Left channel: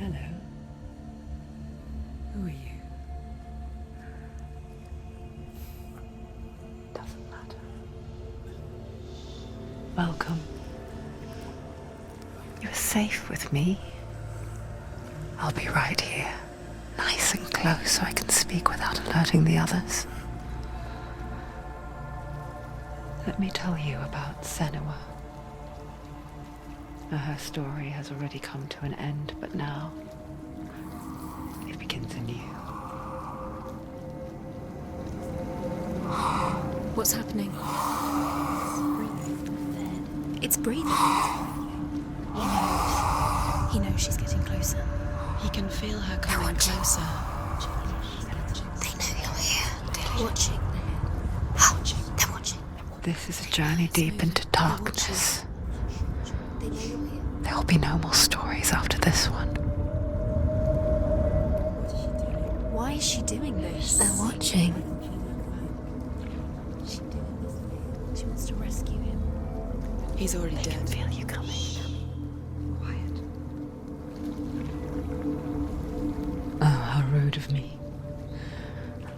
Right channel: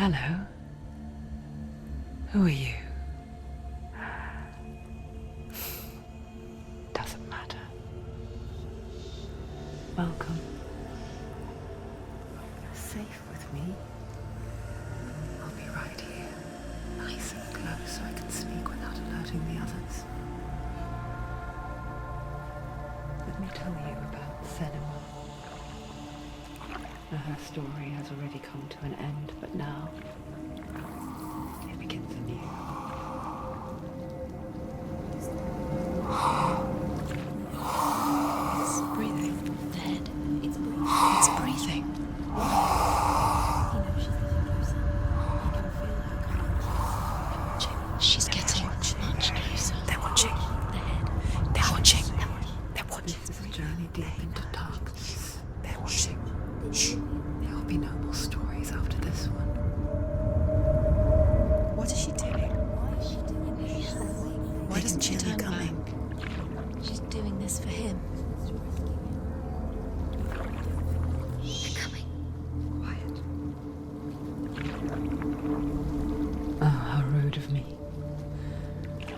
Hello. Who are you? Doesn't matter. Welcome. You're safe with me. I'll be right here, nice and close so I can speak without alerting the others. Let me tell you about Senua. Her story has already come to an end, but now it begins anew. What's happening? It's breathing. Dead. It's breathing. It's breathing. Why? He knows she's getting closer. He can feel her coming closer. She's getting closer. They're watching. They're watching. They're watching. This is a journey deep into darkness. There will be no more stories after this one. What is she doing? Why is she doing this? They're watching. Why doesn't she turn coming? She's doing this for him. She wants to rescue him. He's already dead. I can feel you coming. Quiet. Oh, how rude of me.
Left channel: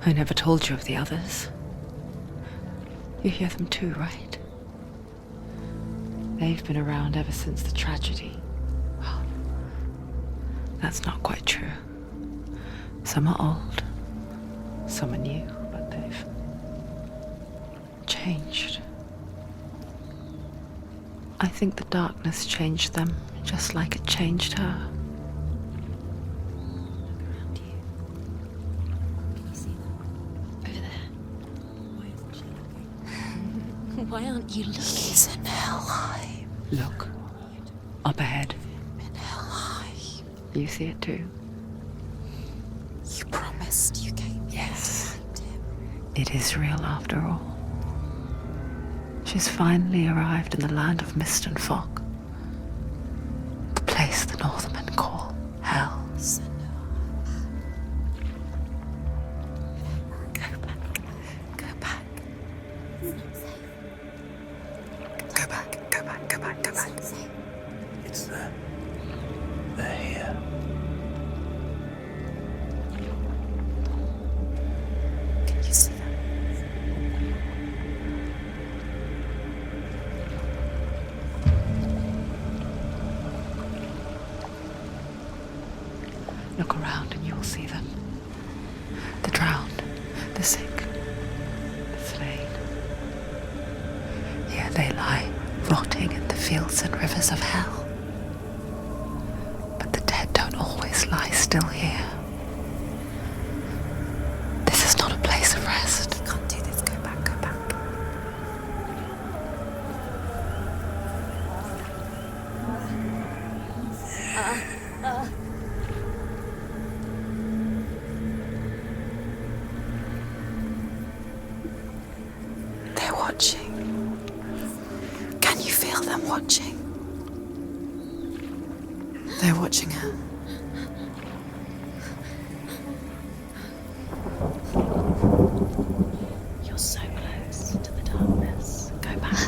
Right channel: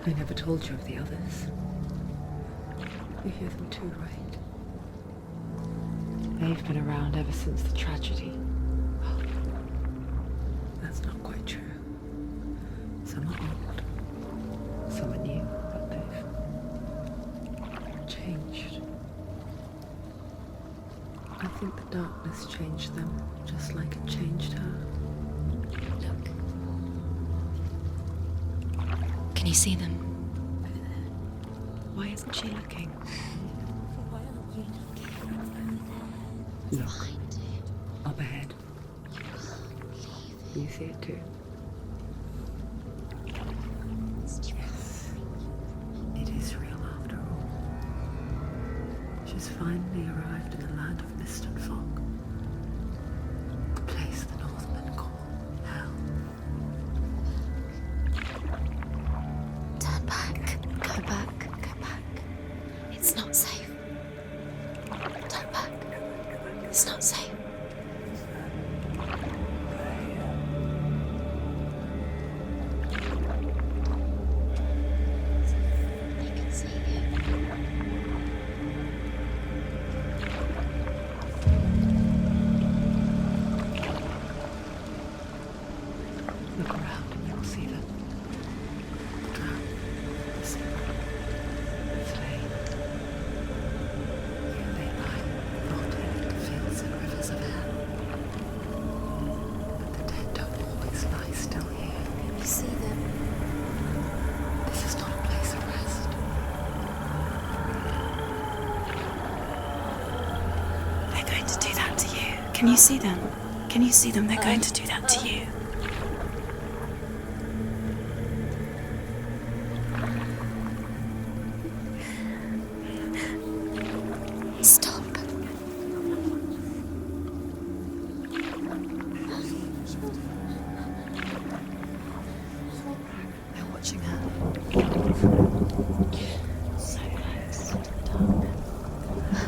I never told you of the others. You hear them too, right? They've been around ever since the tragedy. Well, that's not quite true. Some are old, some are new, but they've changed. I think the darkness changed them, just like it changed her. Can you see them? Over there. Why isn't she looking? Why aren't you looking? He's in hell. Look, up ahead. In hell. You see it too? You promised you came. Yes. It is real after all. She's finally arrived in the land of mist and fog. The place the Northmen call hell. Turn back. Go back. Go back. It's not safe. Turn back. Go back. Go back. Go It's back. not safe. It's there. They're here. Can you see them? You can see it. Look around and you'll see them. The drowned, the sick, the slain. Here they lie, rotting in the fields and rivers of hell. But the dead don't always lie still here. You see them? This is not a place of rest. You can't do this. Go back. Go back. They're going to do that to you. Can you see them? Can you see them? They're going to do that to you. They're watching. Stop. Can you feel them watching? They're watching her. They're watching her. You're so close to the darkness. Go back.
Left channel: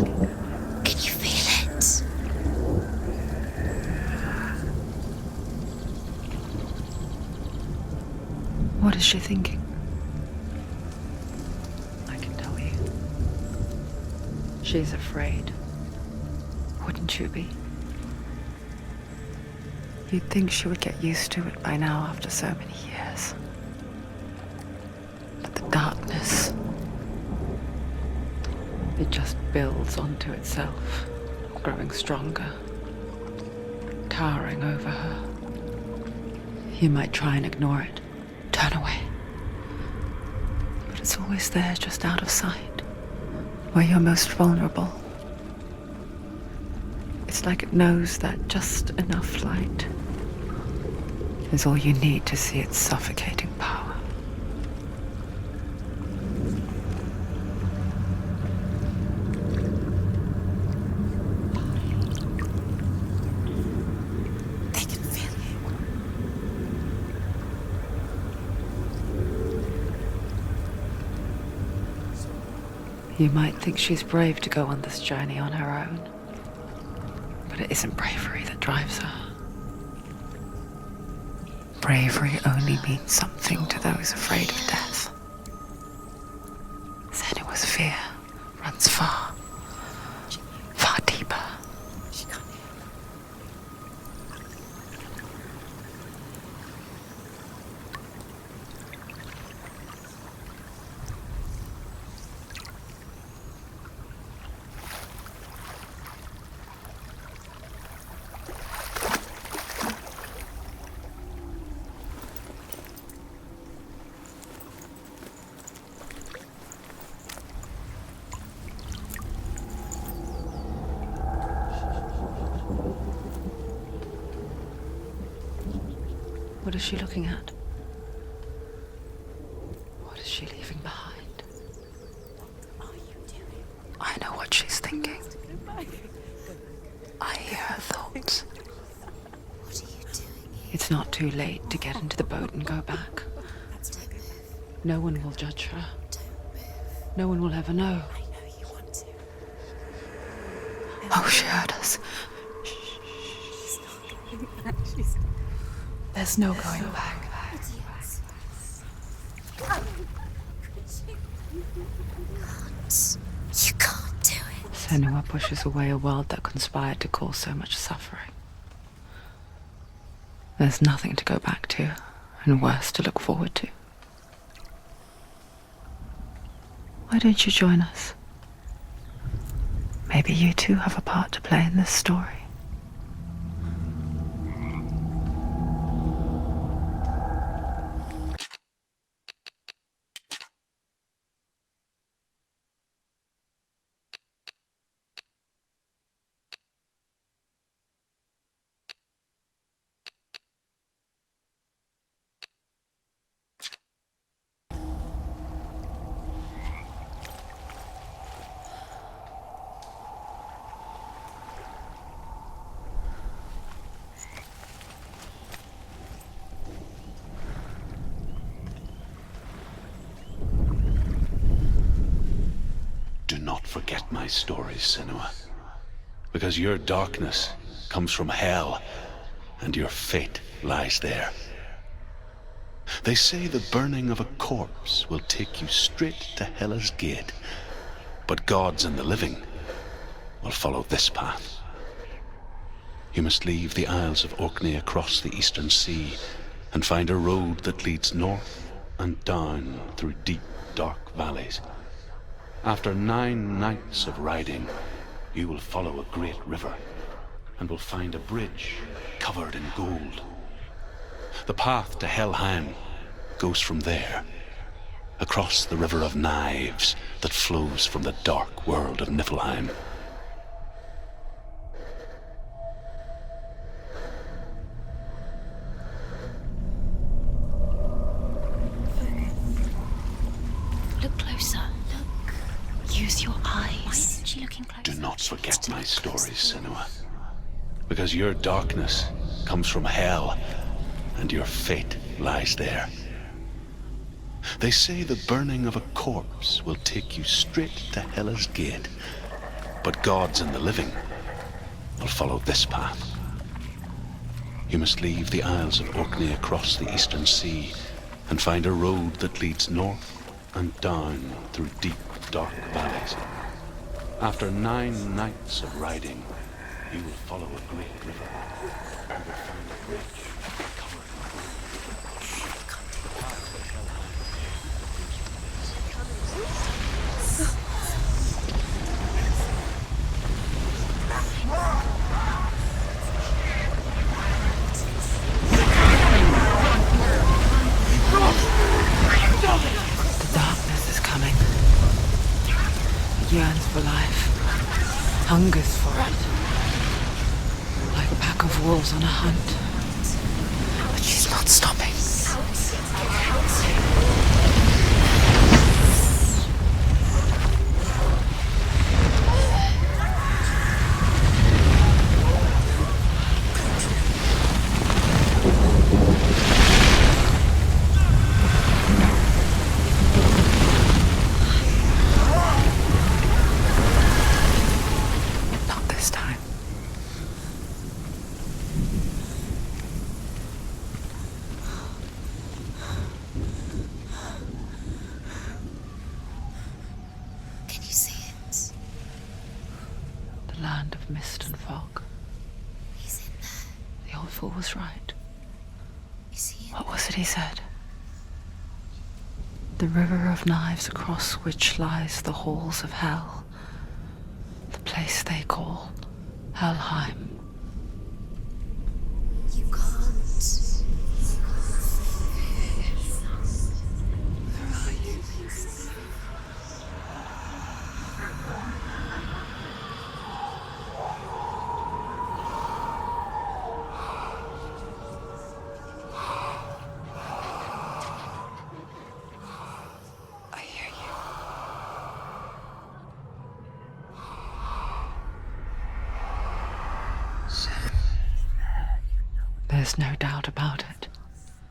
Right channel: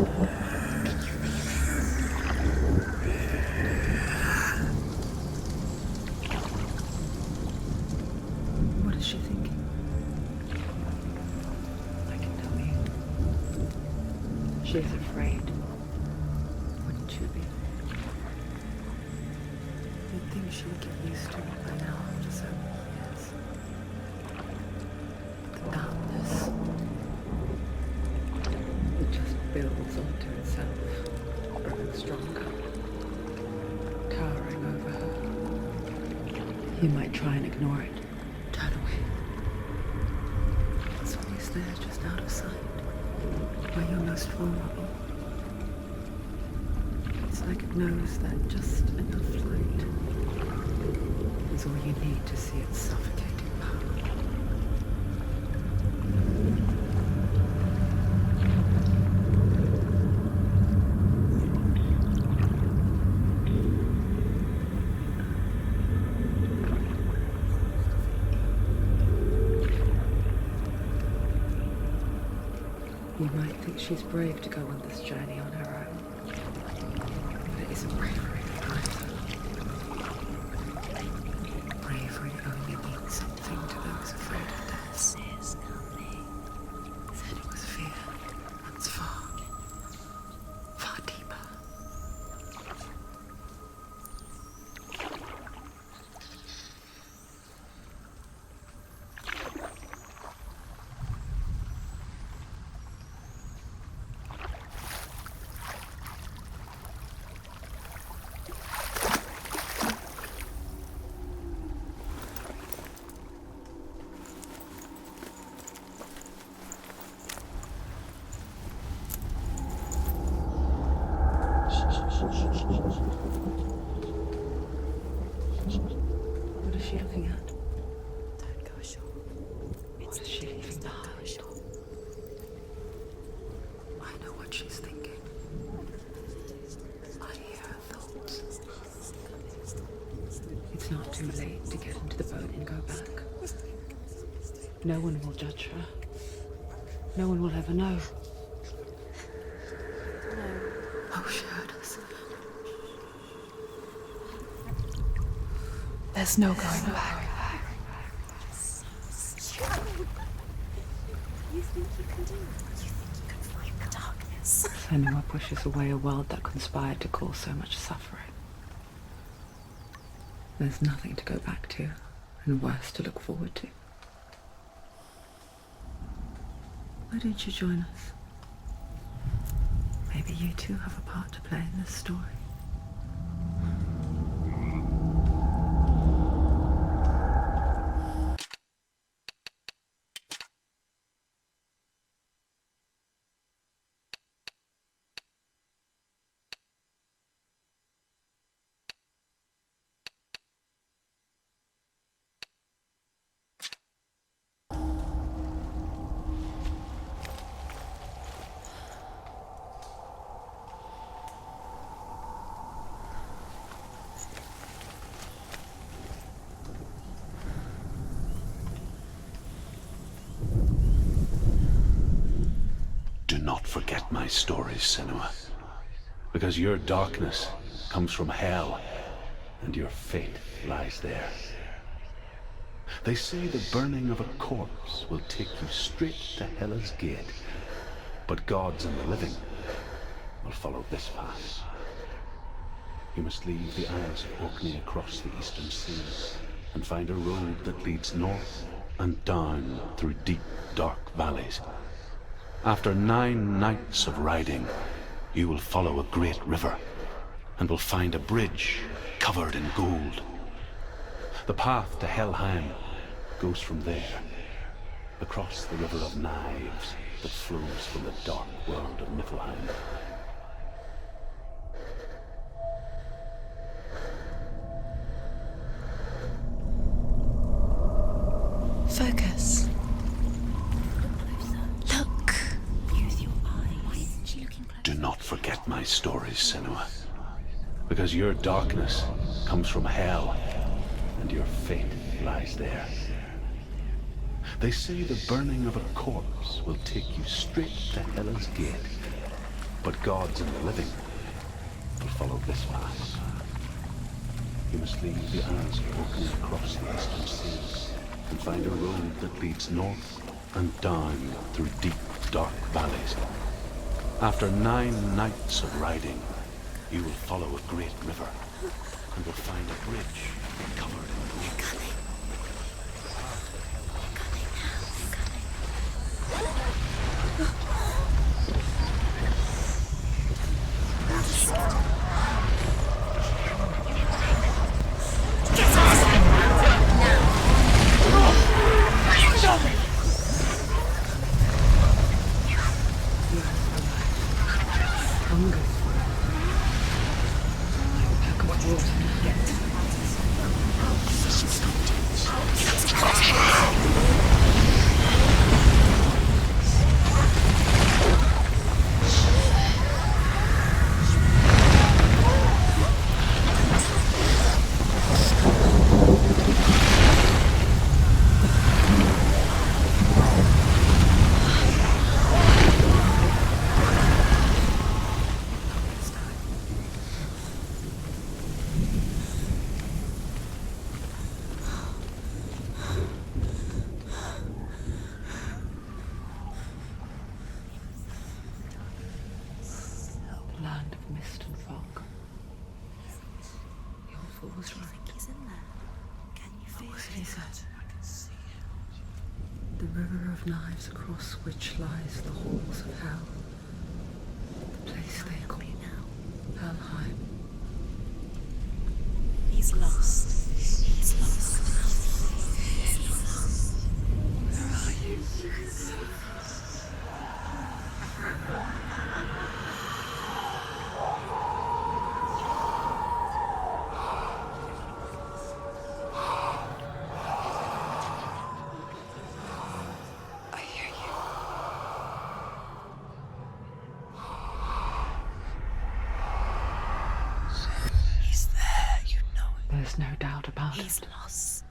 Can you feel it? What is she thinking? I can tell you. She's afraid. Wouldn't you be? You'd think she would get used to it by now after so many years. But the darkness, it just builds onto itself, growing stronger, towering over her. You might try and ignore it, turn away. But it's always there, just out of sight, where you're most vulnerable. It's like it knows that just enough light is all you need to see its suffocating power. They can feel You might think she's brave to go on this journey on her own, but it isn't bravery that drives her. bravery only means something to those afraid of death. Senua's fear runs far, far deeper. What is she looking at? What is she leaving behind? I know what she's thinking. I hear her thoughts. It's not too late to get into the boat and go back. No one will judge her. No one will ever know. Oh, she heard us. There's no going back. You can't do it. Senua pushes away a world that conspired to cause so much suffering. There's nothing to go back to, and worse to look forward to. Why don't you join us? Maybe you too have a part to play in this story. Do not forget my stories, Senua, because your darkness comes from hell, and your fate lies there. They say the burning of a corpse will take you straight to Hela's gate, but gods and the living will follow this path. You must leave the Isles of Orkney across the eastern sea and find a road that leads north and down through deep, dark valleys. After 9 nights of riding, you will follow a great river and will find a bridge covered in gold. The path to Helheim goes from there, across the river of knives that flows from the dark world of Niflheim. Focus. Look closer. Look. Use your eyes. Why isn't she looking closer? Do not forget my stories, Senua, because your darkness comes from hell, and your fate lies there. They say the burning of a corpse will take you straight to Hela's gate, but gods and the living will follow this path. You must leave the Isles of Orkney across the eastern sea and find a road that leads north and down through deep, dark valleys. After 9 nights of riding, you will follow a great river and will find a bridge covered in gold. Darkness is coming. It yearns for life, hungers for it. Like a pack of wolves on a hunt. But she's not stopping. Not this time. mist and fog. He's in there. The old fool was right. He's in there. You see? What was it he said? The river of knives across which lies the halls of hell. The place they call Helheim. He's lost. He's lost. Where are you? I hear you. He's there, you know it. There's no doubt about He's it. lost.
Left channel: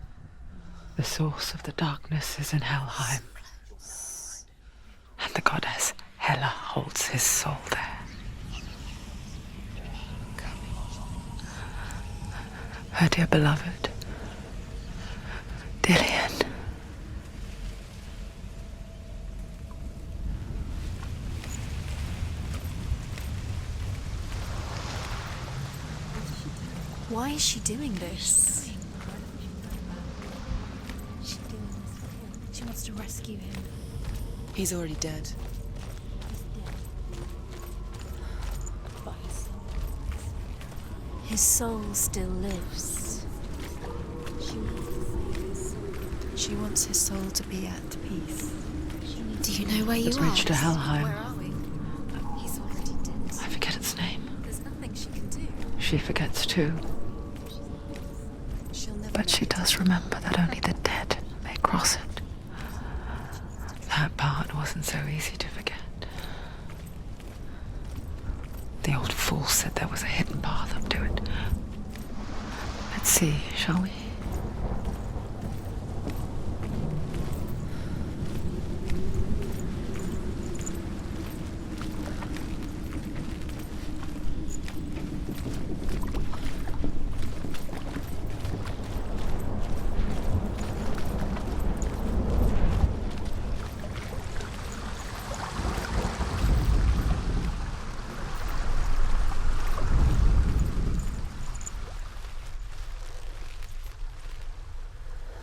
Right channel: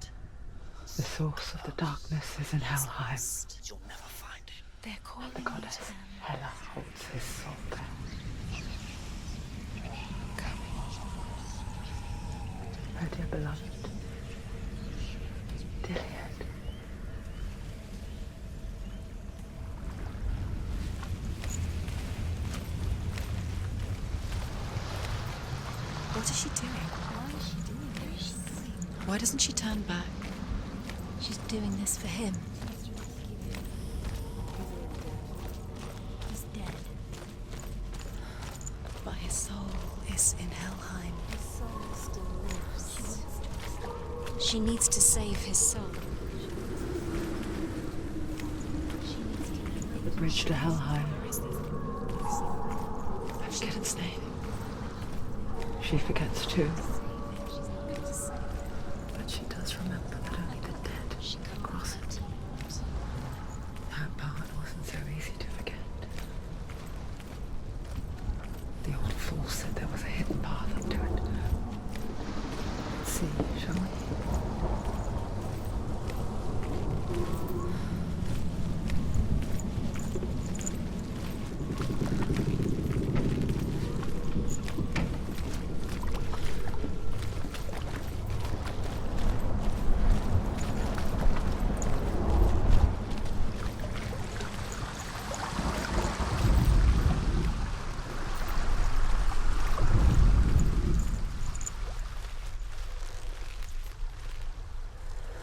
The source of the darkness is in Helheim, You'll never find him. They're calling and the goddess Hela holds his soul there. Her dear beloved, Dillian. What is she doing? Why is she doing this? Why doesn't she turn back? She's doing this for him. She wants to rescue him. He's already dead. He's dead. But his soul is in Helheim. His soul still lives. She needs to save his soul. She wants his soul to be at peace. Do you know where you The are? bridge to Helheim. He's I forget its name. There's nothing she can do. She forgets too. She'll never But she does remember that only the dead may cross it. That part wasn't so easy to forget. The old fool said there was a hidden path up to it. Let's see, shall we?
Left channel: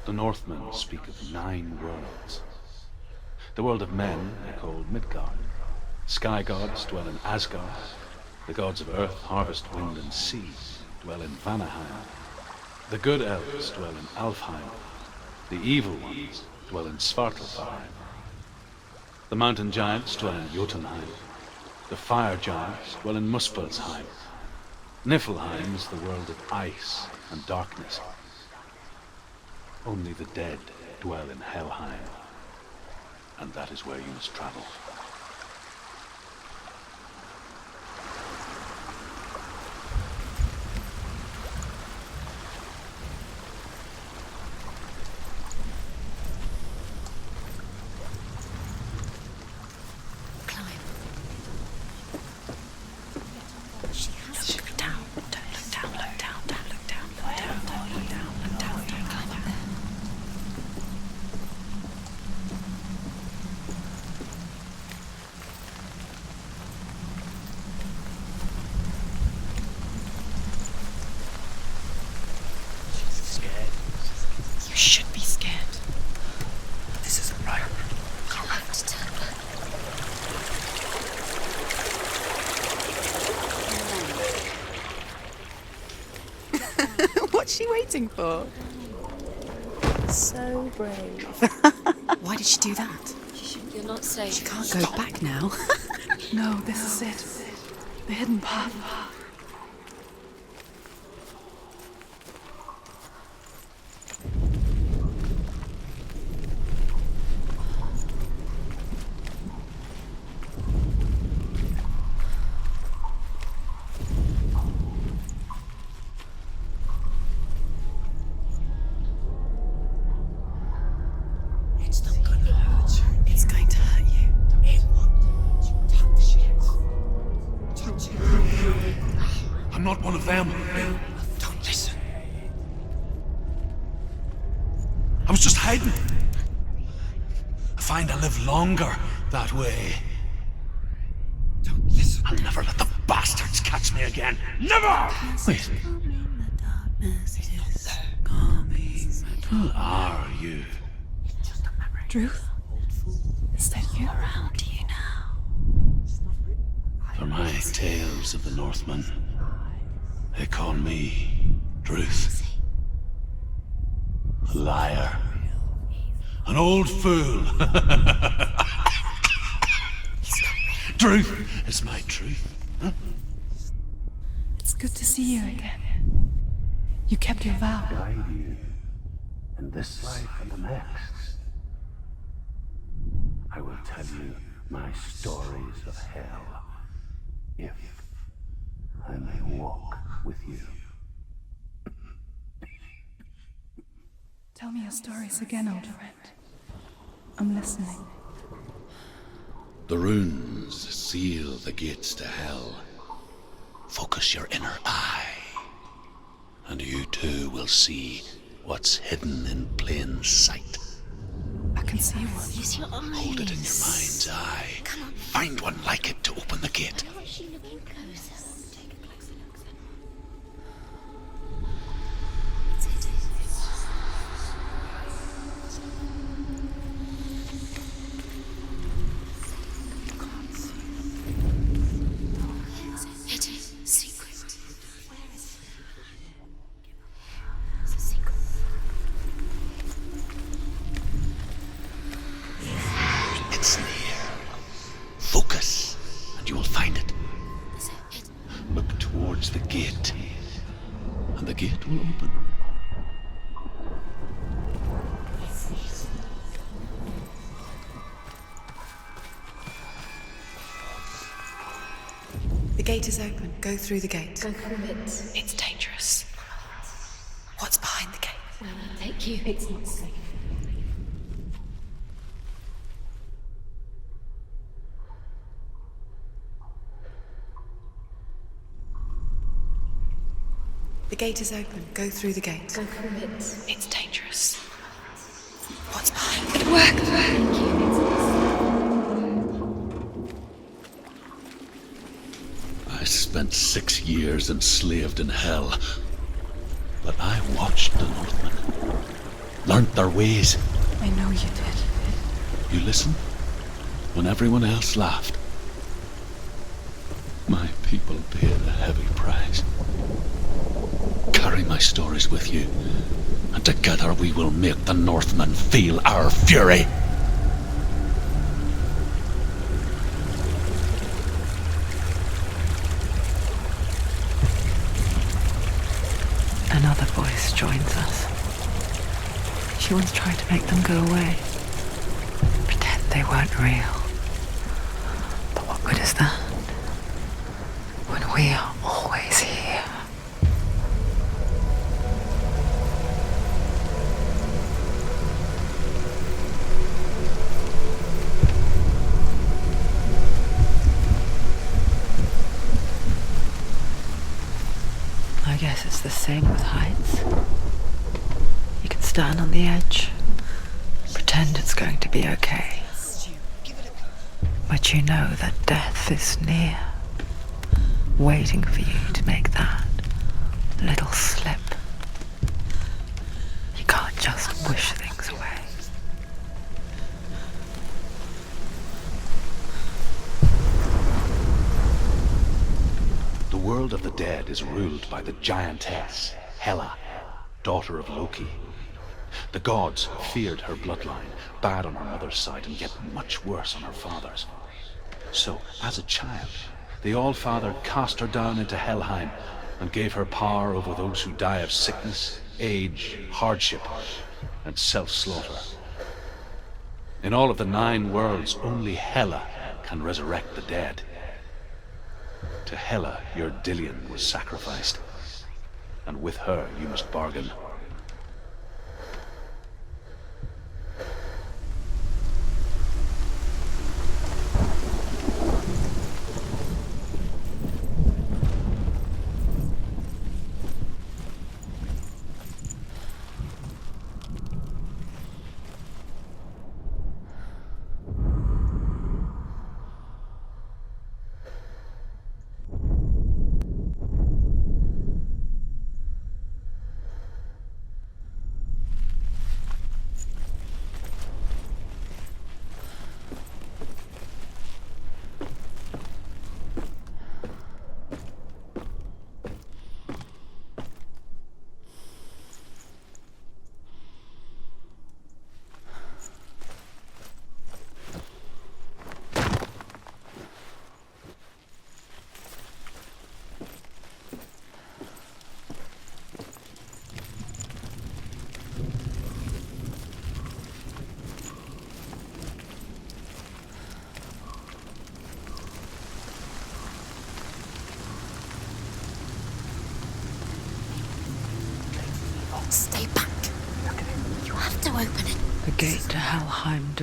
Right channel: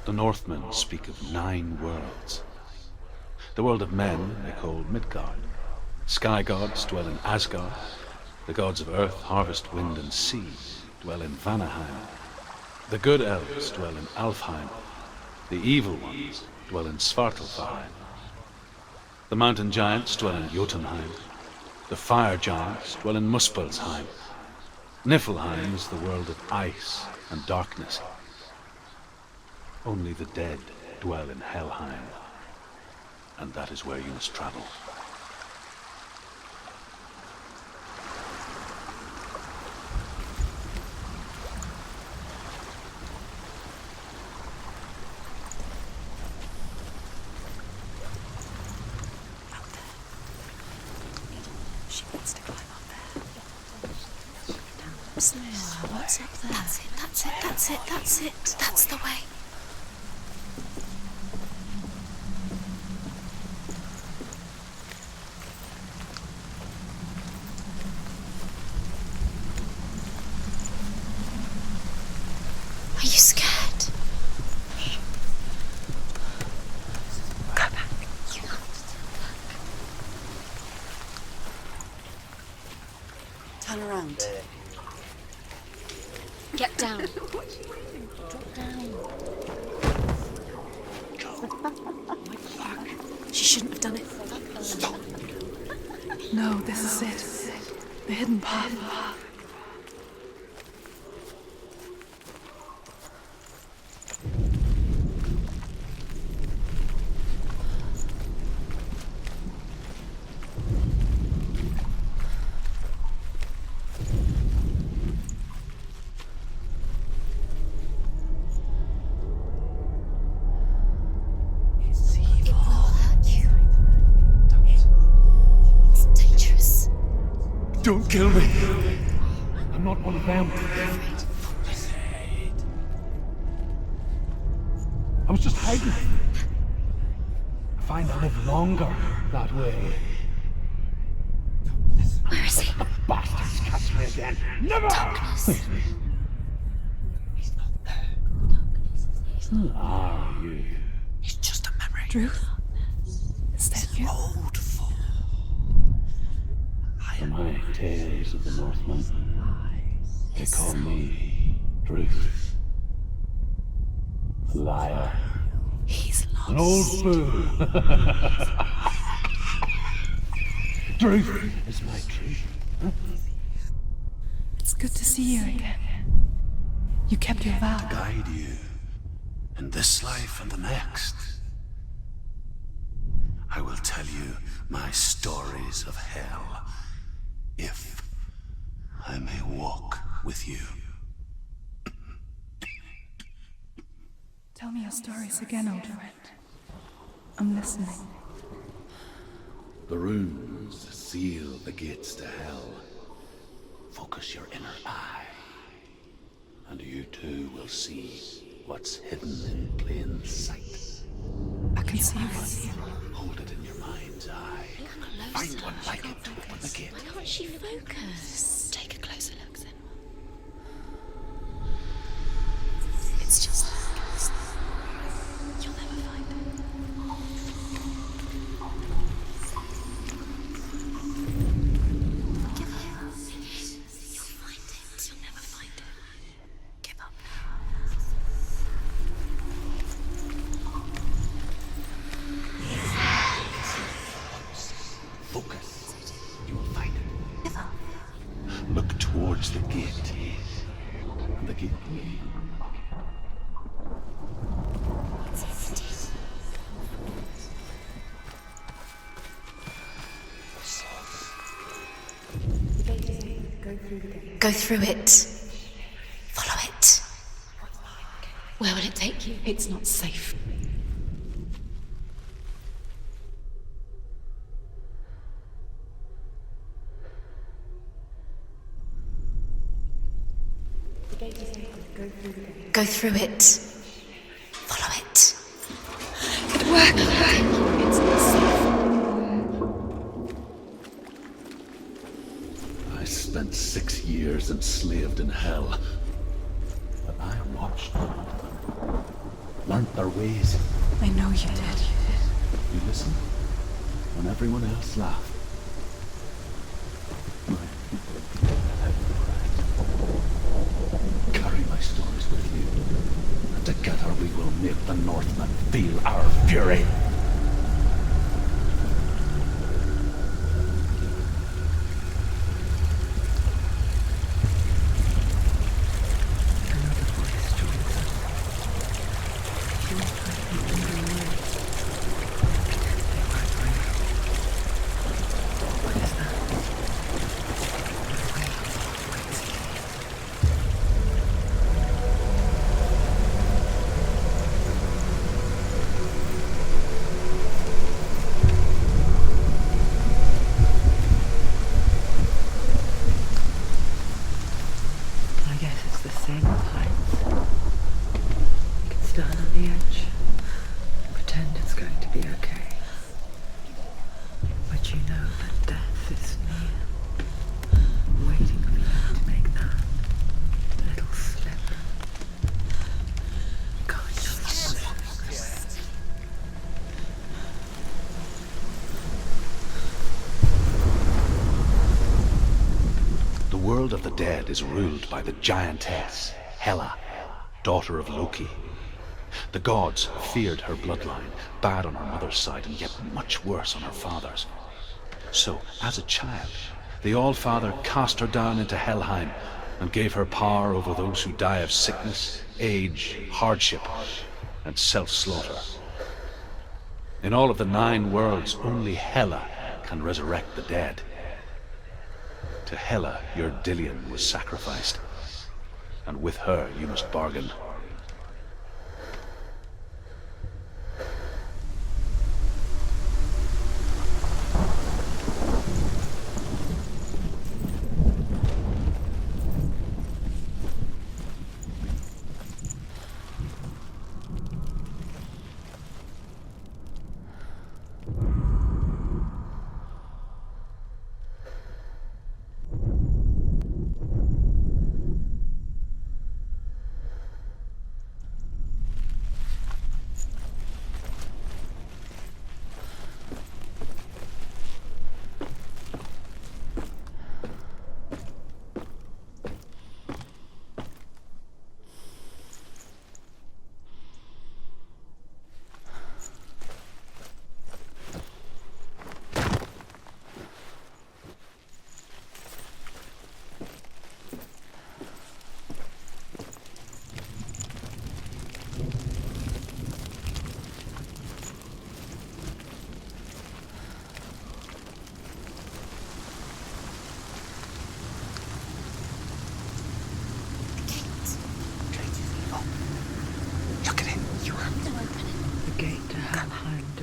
The Northmen speak of 9 worlds. The world of men they call Midgard. Sky gods dwell in Asgard. The gods of earth, harvest, wind, and sea dwell in Vanaheim. The good elves dwell in Alfheim. The evil ones dwell in Svartalfheim. The mountain giants dwell in Jotunheim. The fire giants dwell in Muspelheim. Niflheim is the world of ice and darkness. Only the dead dwell in Helheim, and that is where you must travel. She wants to climb up there. She has to. Down. That's it. That's it. That's the way. Are you scared? You should be scared. This isn't right. You have to turn back. Get down. What's she waiting for? So brave. Why did she do that? She shouldn't have done it. She can't go back now. No, this is it. The hidden path. It's not going to hurt. He's going to hurt you. It's dangerous. Don't kill me. I'm not one of them. Don't listen. I was just hiding. I find I live longer that way. Don't listen. I'll never let the bastards catch me. me again. Never! Wait. Who are you? It's just a memory. Drew? Is that you? For my tales of the Northmen, they call me Druth. Liar. He's An old fool. Truth is my truth. It's good to see you again. You kept your vow. Guide you in this life and the next. I will tell you my stories of hell, if I may walk with you. Tell me your stories again, old friend. I'm listening. The runes seal the gates to hell. Focus your inner eye, and you too will see what's hidden in plain sight. I can see one. Hold it in your mind's eye. Find one like it to open the gate. Why aren't she looking close? Take a closer look, Senua. It's just... You'll never find it. It is secret-minded. You'll never find it. Give up now. It's a secret. It's near. Focus, and you will find it. Look towards the gate, and the gate will open. The gate is open. Go through the gate. Go through it. It's dangerous. Follow it. What's behind the gate? Where will it take you? It's not safe. The gate is open. Go through the gate. Go through it. It's dangerous. Follow it. What's behind It worked. It's not safe. I spent 6 years enslaved in hell, but I watched the Northmen, learnt their ways. I know you did. You listened when everyone else laughed. My people paid the heavy price. Carry my stories with you, and together we will make the Northmen feel our fury. Another voice joins us. She was trying to make them go away. Pretend they weren't real. But what good is that? When we are always here. I guess it's the same with heights. You can stand on the edge, pretend it's going to be okay. But you know that death is near, waiting for you to make that little slip. You can't just wish things away. The world of the dead is ruled by the giantess, Hela, daughter of Loki. The gods feared her bloodline, bad on her mother's side and yet much worse on her father's. So, as a child, the All-Father cast her down into Helheim and gave her power over those who die of sickness, age, hardship, and self-slaughter. In all of the 9 worlds, only Hela can resurrect the dead. To Hela, your Dillion was sacrificed, and with her you must bargain.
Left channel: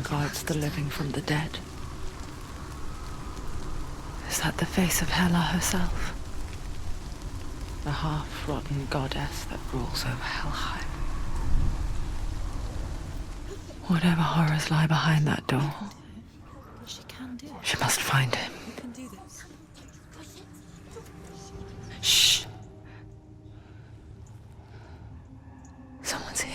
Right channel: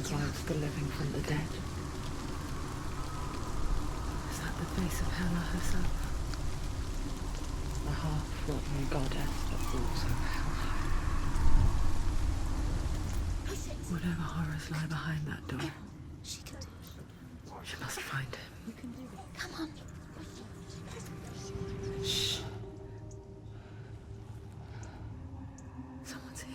regards the living from the dead. Is that the face of Hela herself? The half-rotten goddess that rules over Helheim. Whatever horrors lie behind that door, she must find him. Shh. Someone's here.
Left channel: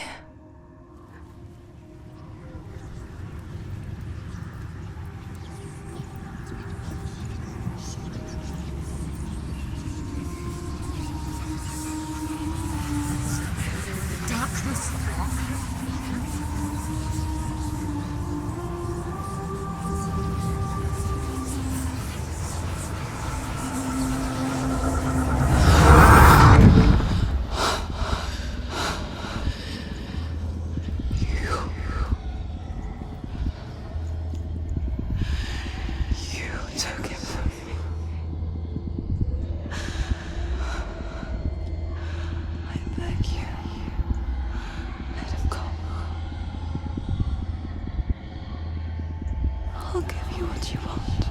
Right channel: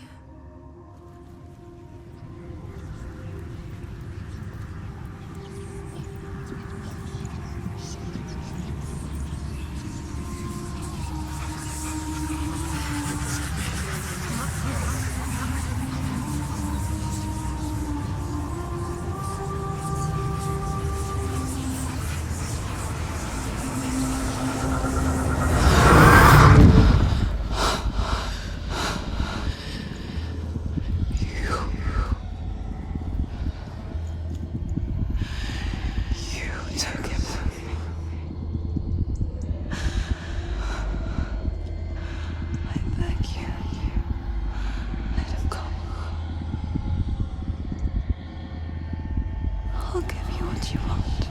I'll give you what you want.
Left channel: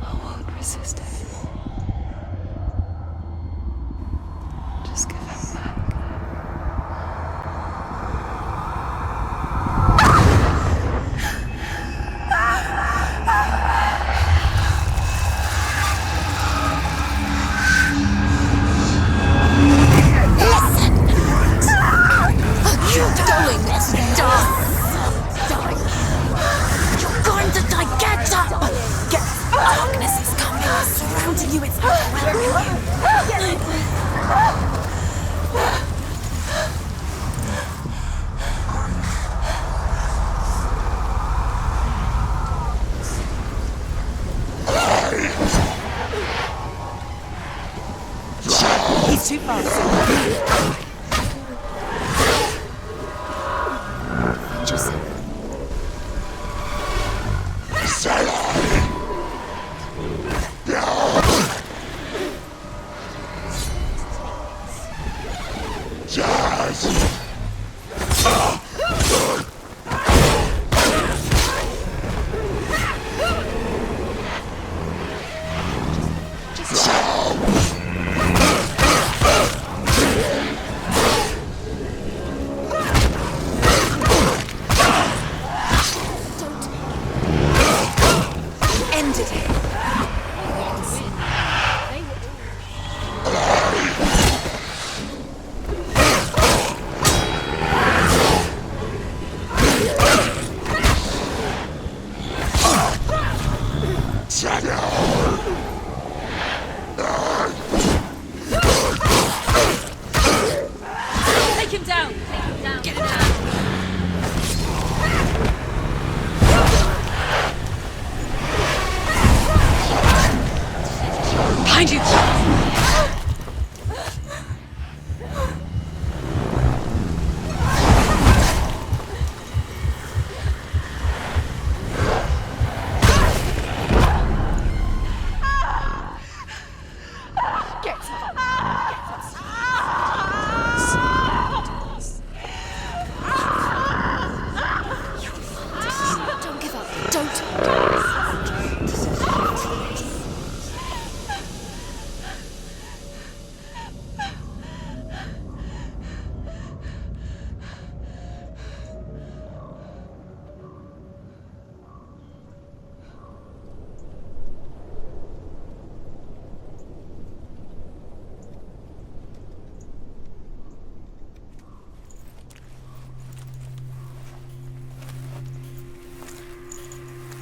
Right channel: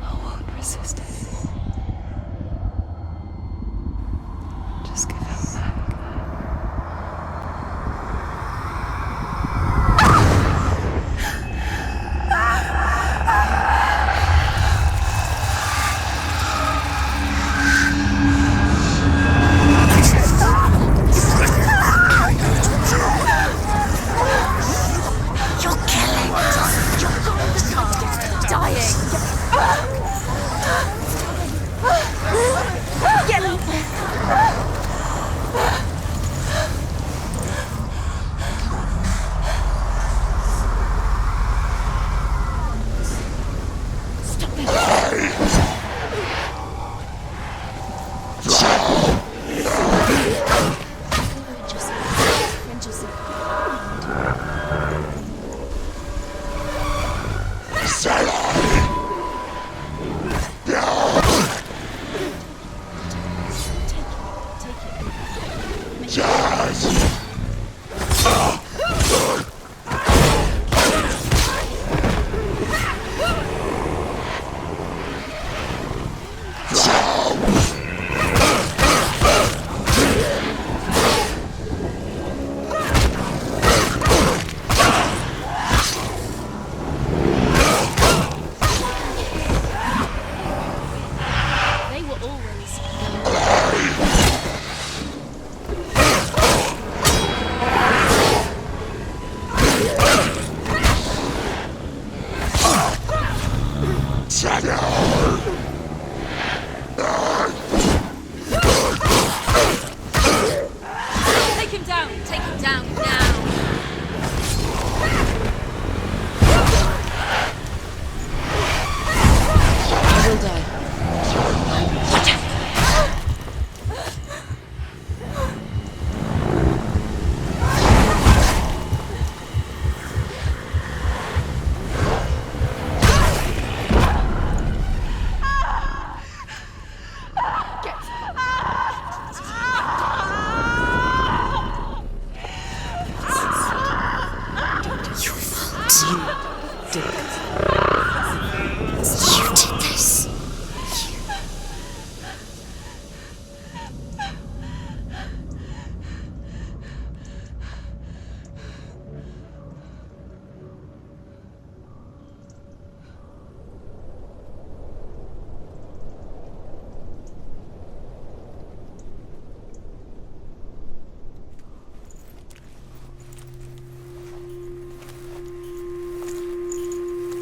I won't resist anymore. Just give him back.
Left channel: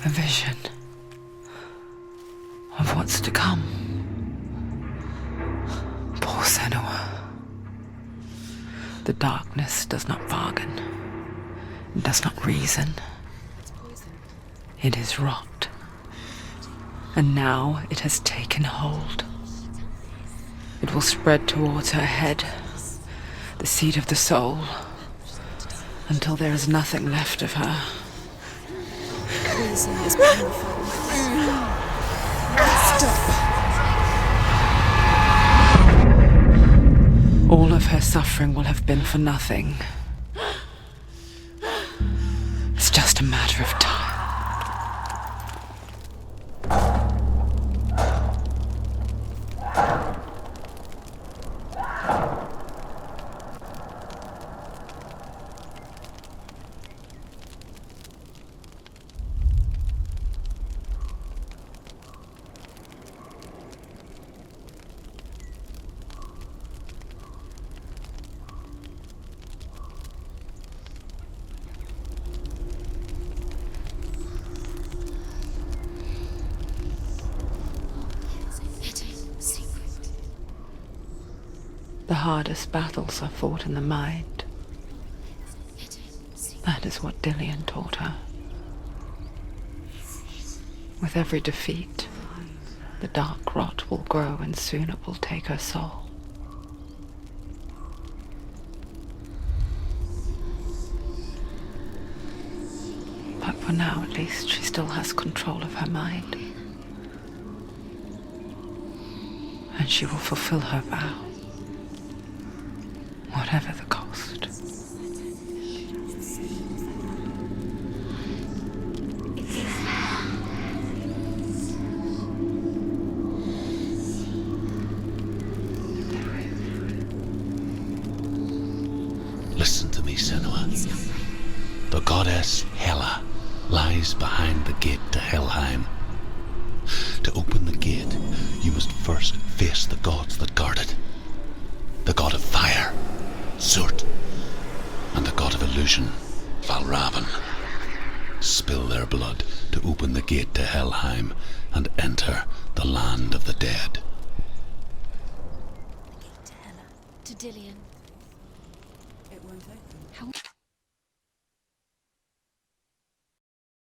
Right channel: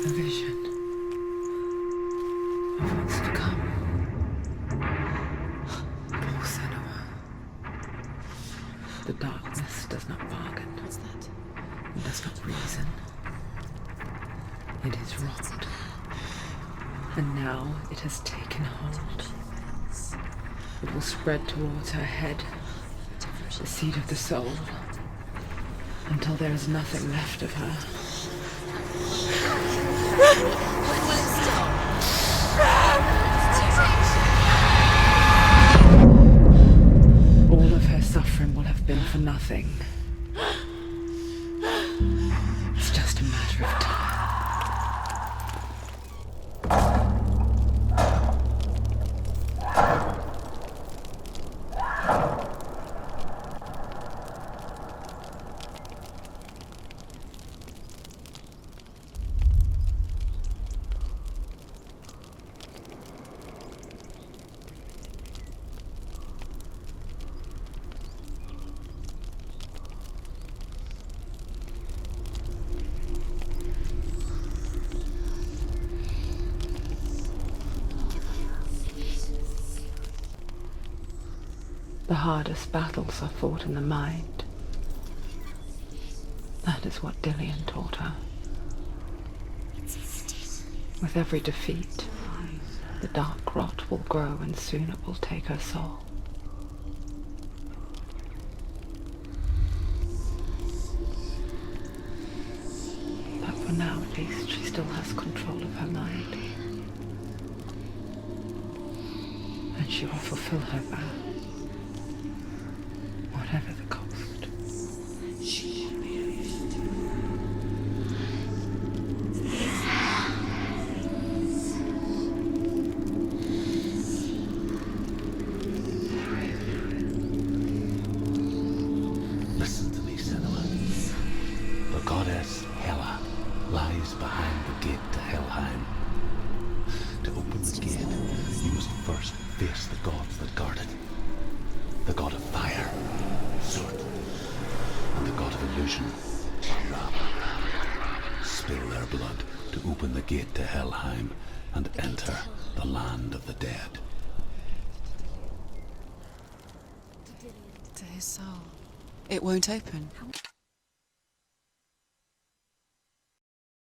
A vision of what's to come. Poor senua. The darkness does not bargain. It does not reason. It is rot. And now it has taken hold. It will spread towards her head, the seat of the soul, until there is nothing left of her. All of her suffering will have been for nothing. The hardest battles are fought in the mind. That is what Dillian taught her. With every defeat, the dark rot will grow and soon it will take her soul. But for now, at least, she still has control of her mind. And she will fulfill her vow, whatever the cost. Listen to me, Senua. The goddess Hela lies behind the gate to Helheim. To open the gate, you must first face the gods that guard it. The god of fire, Surt, and the god of illusion, Valravan. Spill their blood to open the gate to Helheim and enter the land of the dead. To Dillian. To his soul. It won't open.